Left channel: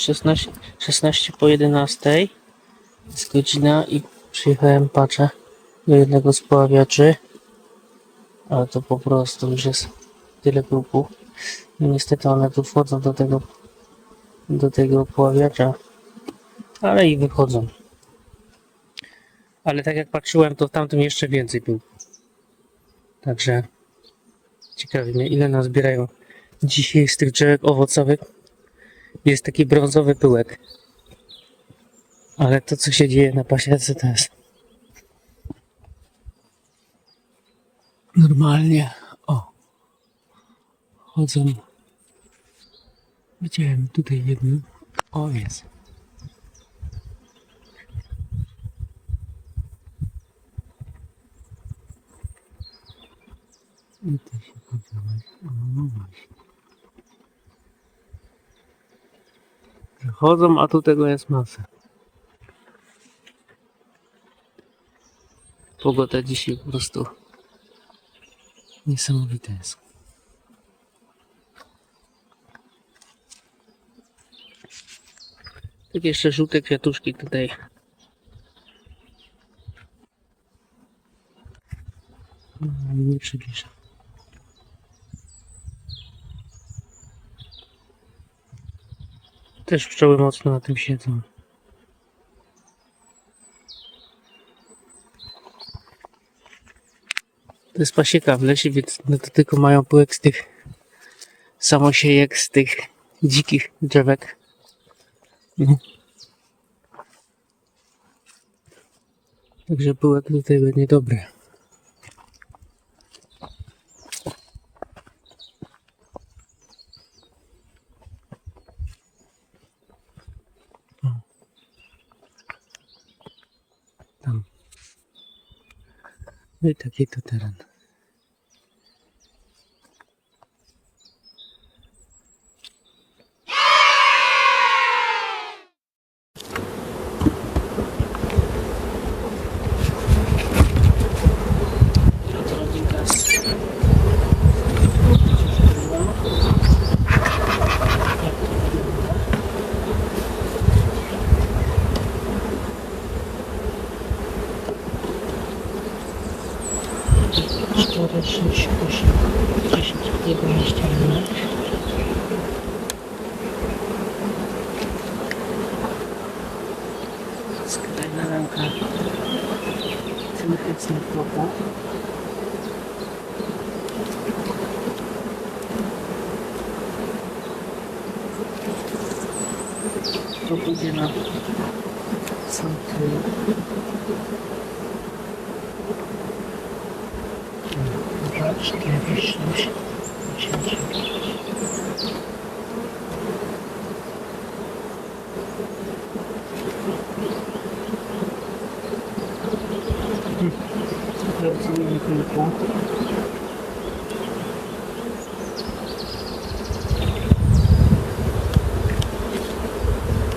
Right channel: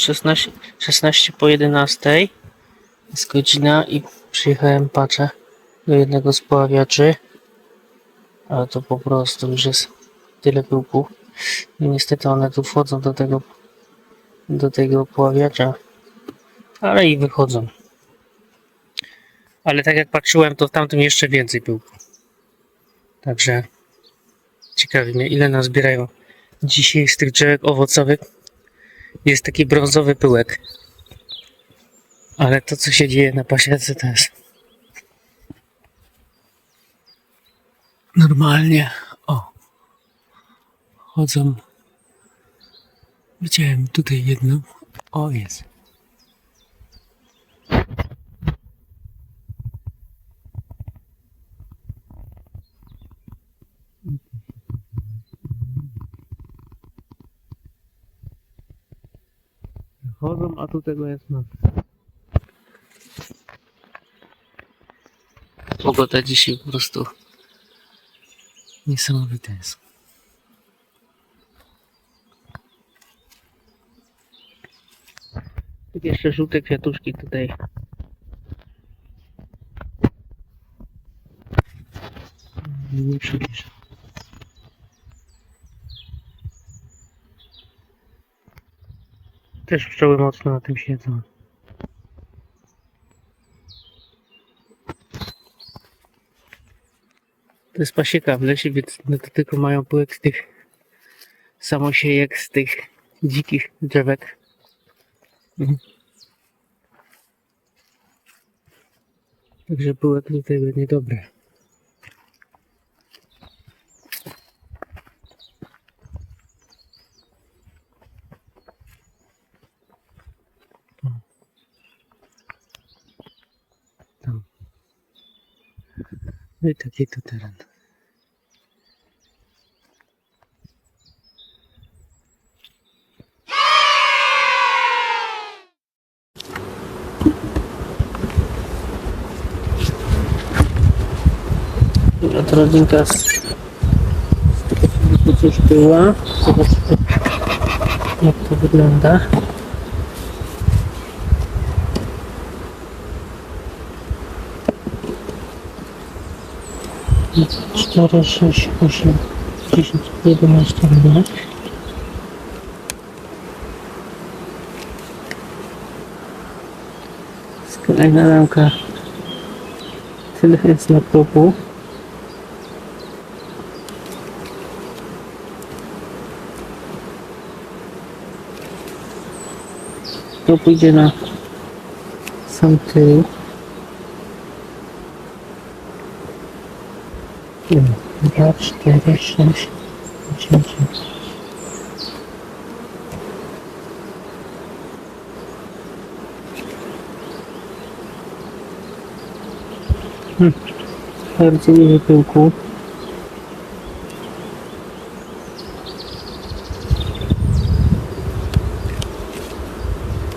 16, 16 po 11 jest godzina i przyjechałem patrzę do jednego z poławiaczy. Ale to po prostu już jest tyle pyłku. I niestety one tu wchodzą do tego do tego poławiacza. Ale i wychodzą. Ale tak jak patrzyłem, to w tamtym jeszcze więcej pyłku. Także ciekawi mnie, ile nazbierają dzisiaj z tych drzewek owocowych. Jest taki brązowy pyłek. Ale to, co się dzieje na pasiece, to jest normalnie. O, chodzą. Widziałem tutaj jedną. O, jest. I ty się no właśnie. Chodzą, a tu tego jest masa. Pogoda dzisiaj po prostu niesamowita jest. Tak jeszcze żółte kwiatuszki tutaj. Mm, Nie przybliżę. Też pszczoły mocno na tym siedzą. To jest pasieka w lesie, więc no to tylko mają pyłek z tych samosiejek, z tych dzikich drzewek. No. Także pyłek tutaj będzie dobry. No i taki to teren. A to rodzinka z tu coś była. Zobaczcie jak to wygląda. Cztery, sześć, osiem, dziesięć, jedenaście minut. Skrajna ramka. Tyle jest na propu. To pójdzie na sam tył. Dwa, cztery, sześć, osiem, dziewięć. Hmm. Bardzo dużo pyłku.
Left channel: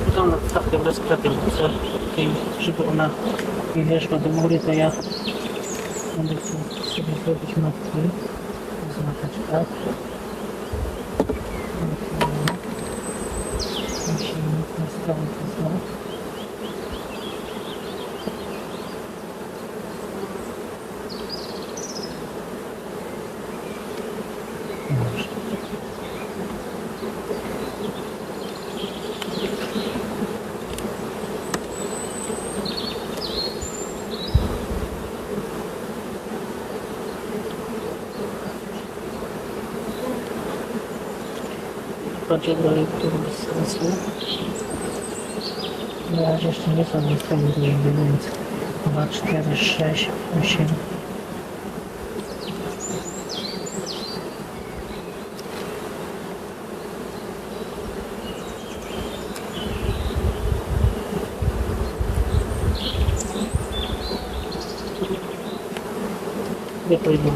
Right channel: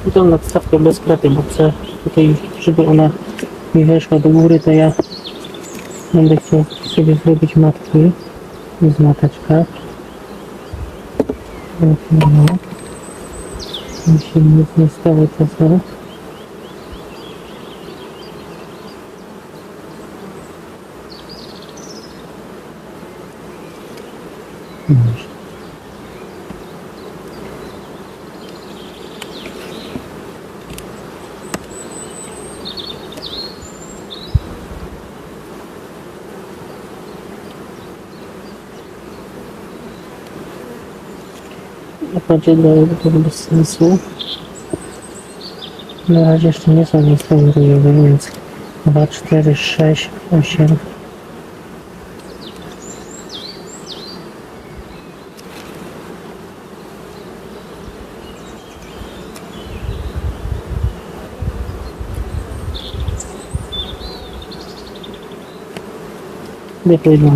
I tą nadstawkę bez kraty, bo chcę tutaj, żeby ona mi weszła do góry, to ja Będę chciał sobie zrobić matki z mateczkach. Pięknie. Jeśli nic nie stało, to co? Dobrze. Raczej dalej to bez sensu. Na razie jeszcze nie są niesprawiedliwe, więc 2, 4, 6, 8. Lepiej jedną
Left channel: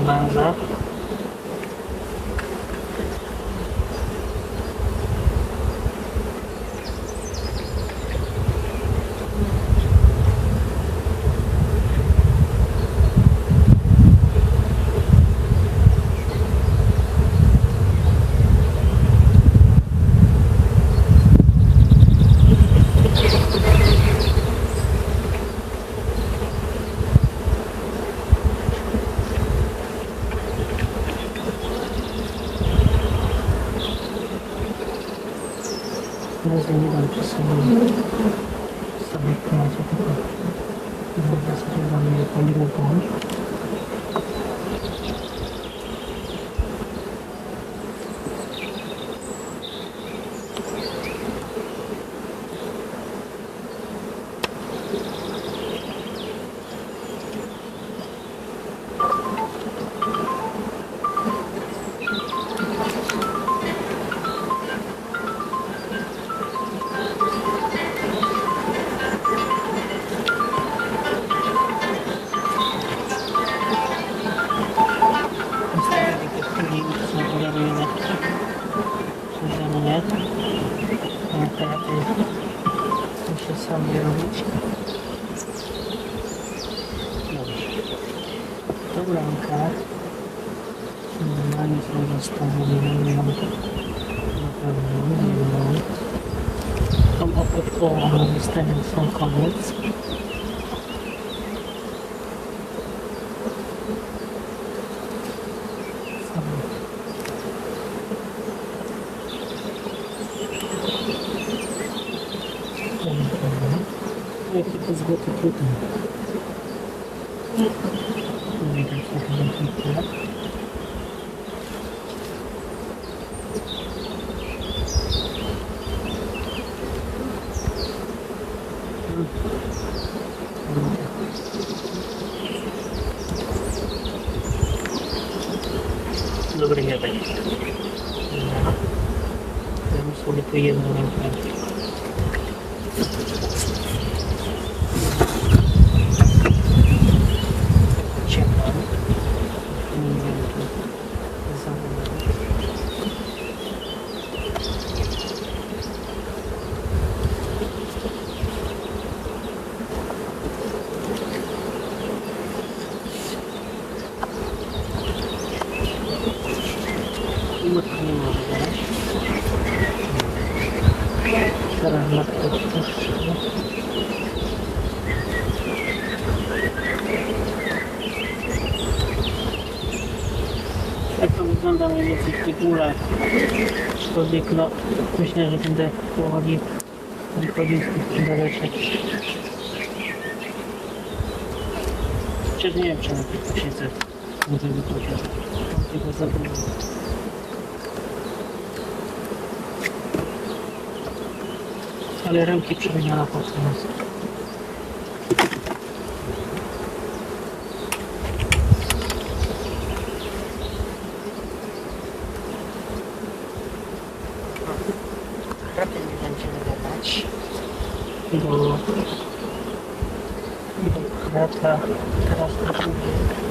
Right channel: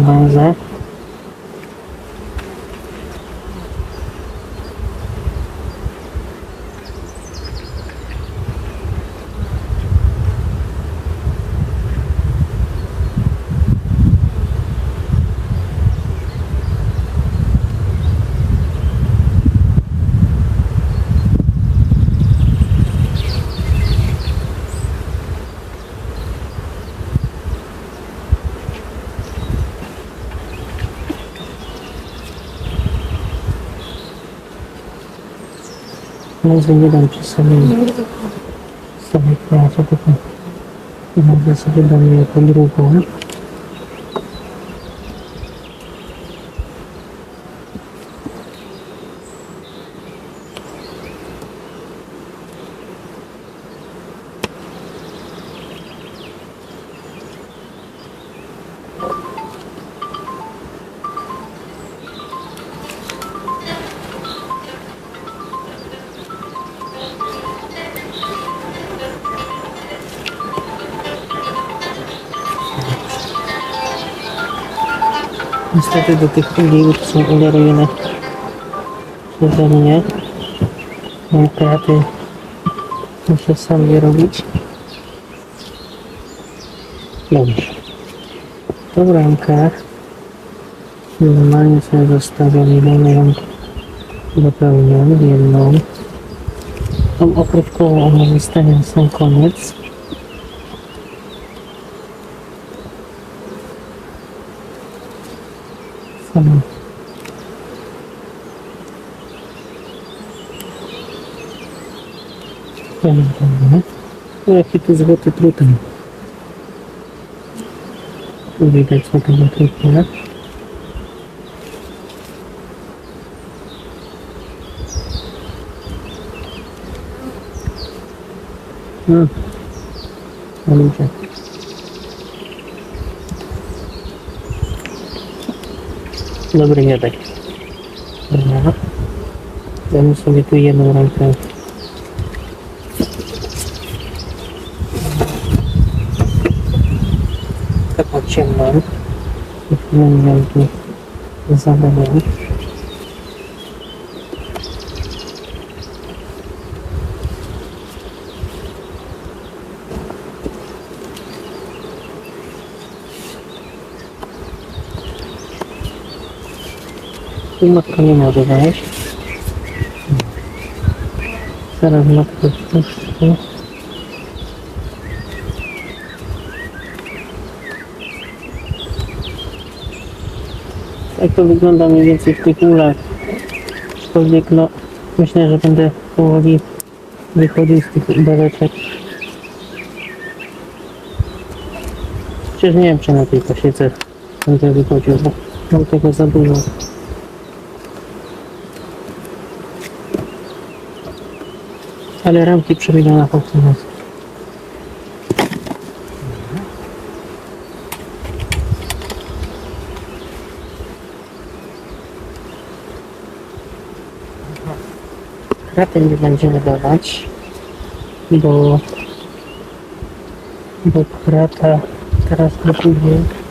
Mas evidente, sabe? Sabe, teatro, porque... Mas essa vida meio com o grupo, né? Niestety do tych już są ulerowane przeze mnie. Mam kraty. Muszę sam je robić. Dobrze. Tą ramkę normalnie sobie zostawiam jedną ją dopełnię, jedną. Tą okrywkową ona zostawiam sam koniec. Sam Dobra. No jaki to złoty trutem. Widać na tym trupie. Hmm. Ale tak. Dobry miodek. Dobra. Damy sobie tu jedną rękę. Taką ciemną. Nie wiem, tu zabawiam. I matka nie może wejść. Teraz matkę wpuszczę. Tak to wygląda mniej więcej w tych ulach. Aczkolwiek no, myślę, że będę powoli wychodził z tych beleczek. Chociaż nie wiem, czy na tej pasiece będę wychodził, bo mam tego za dużo. Ale ramki po prostu. Kraty nie będziemy dawać, bo do krata teraz pójdzie.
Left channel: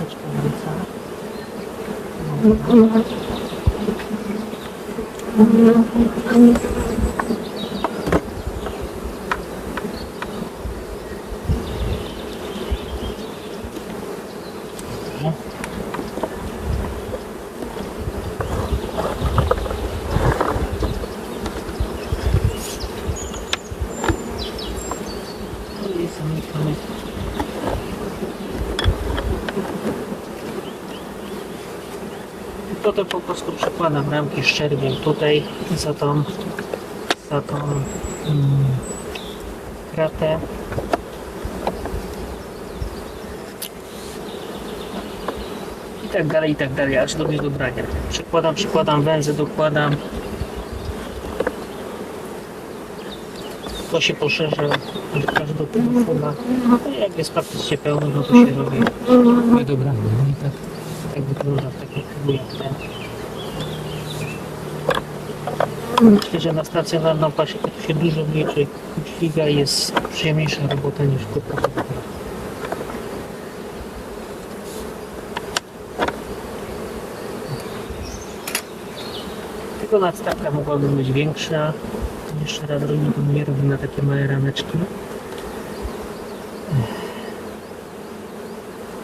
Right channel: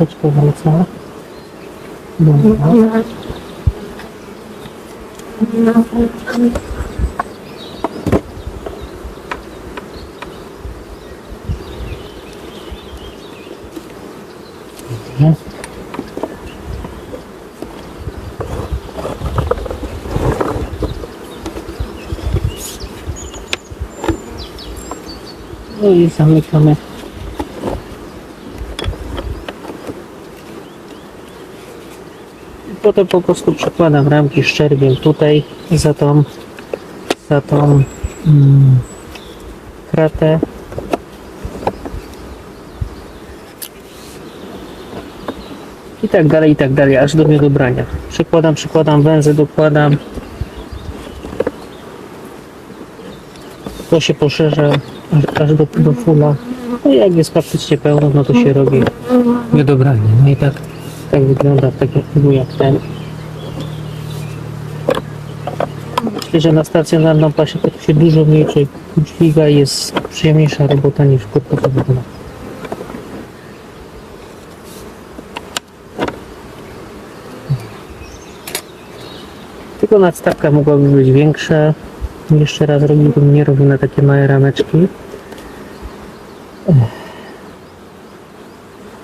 Wraca. Dobra. Dobra. No i zamykamy. Potem po prostu przekładam ramki szczerbiem tutaj za tą, za tą mm, kratę. I tak dalej, i tak dalej, aż do niedobrania. Przekładam, przekładam węzy, dokładam. To się poszerza aż do, do fula. No i jak jest praktycznie pełno, no to się robi niedobranie. No i tak, tak wygląda w takim chybu jak ten. Myślę, że na stacjonarną pasię to się dużo mniej dźwiga i jest przyjemniejsza robota niż krótkoterminowa. Tylko nadstawka mogłaby być większa. Jeszcze raz robiłbym, nie robił na takie małe rameczki.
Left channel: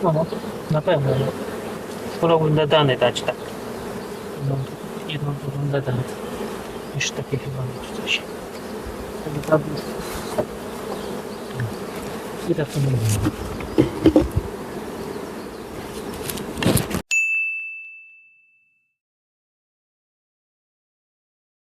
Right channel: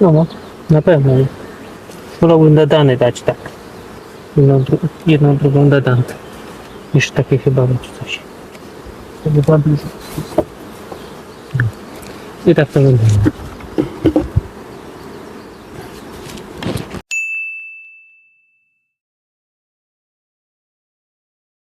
No, no, na pewno. Wolałbym dadany dać tak. Jedną, jedną drugą dadan. Niż takie chyba mieć coś. To by zabił. I tak to wygląda.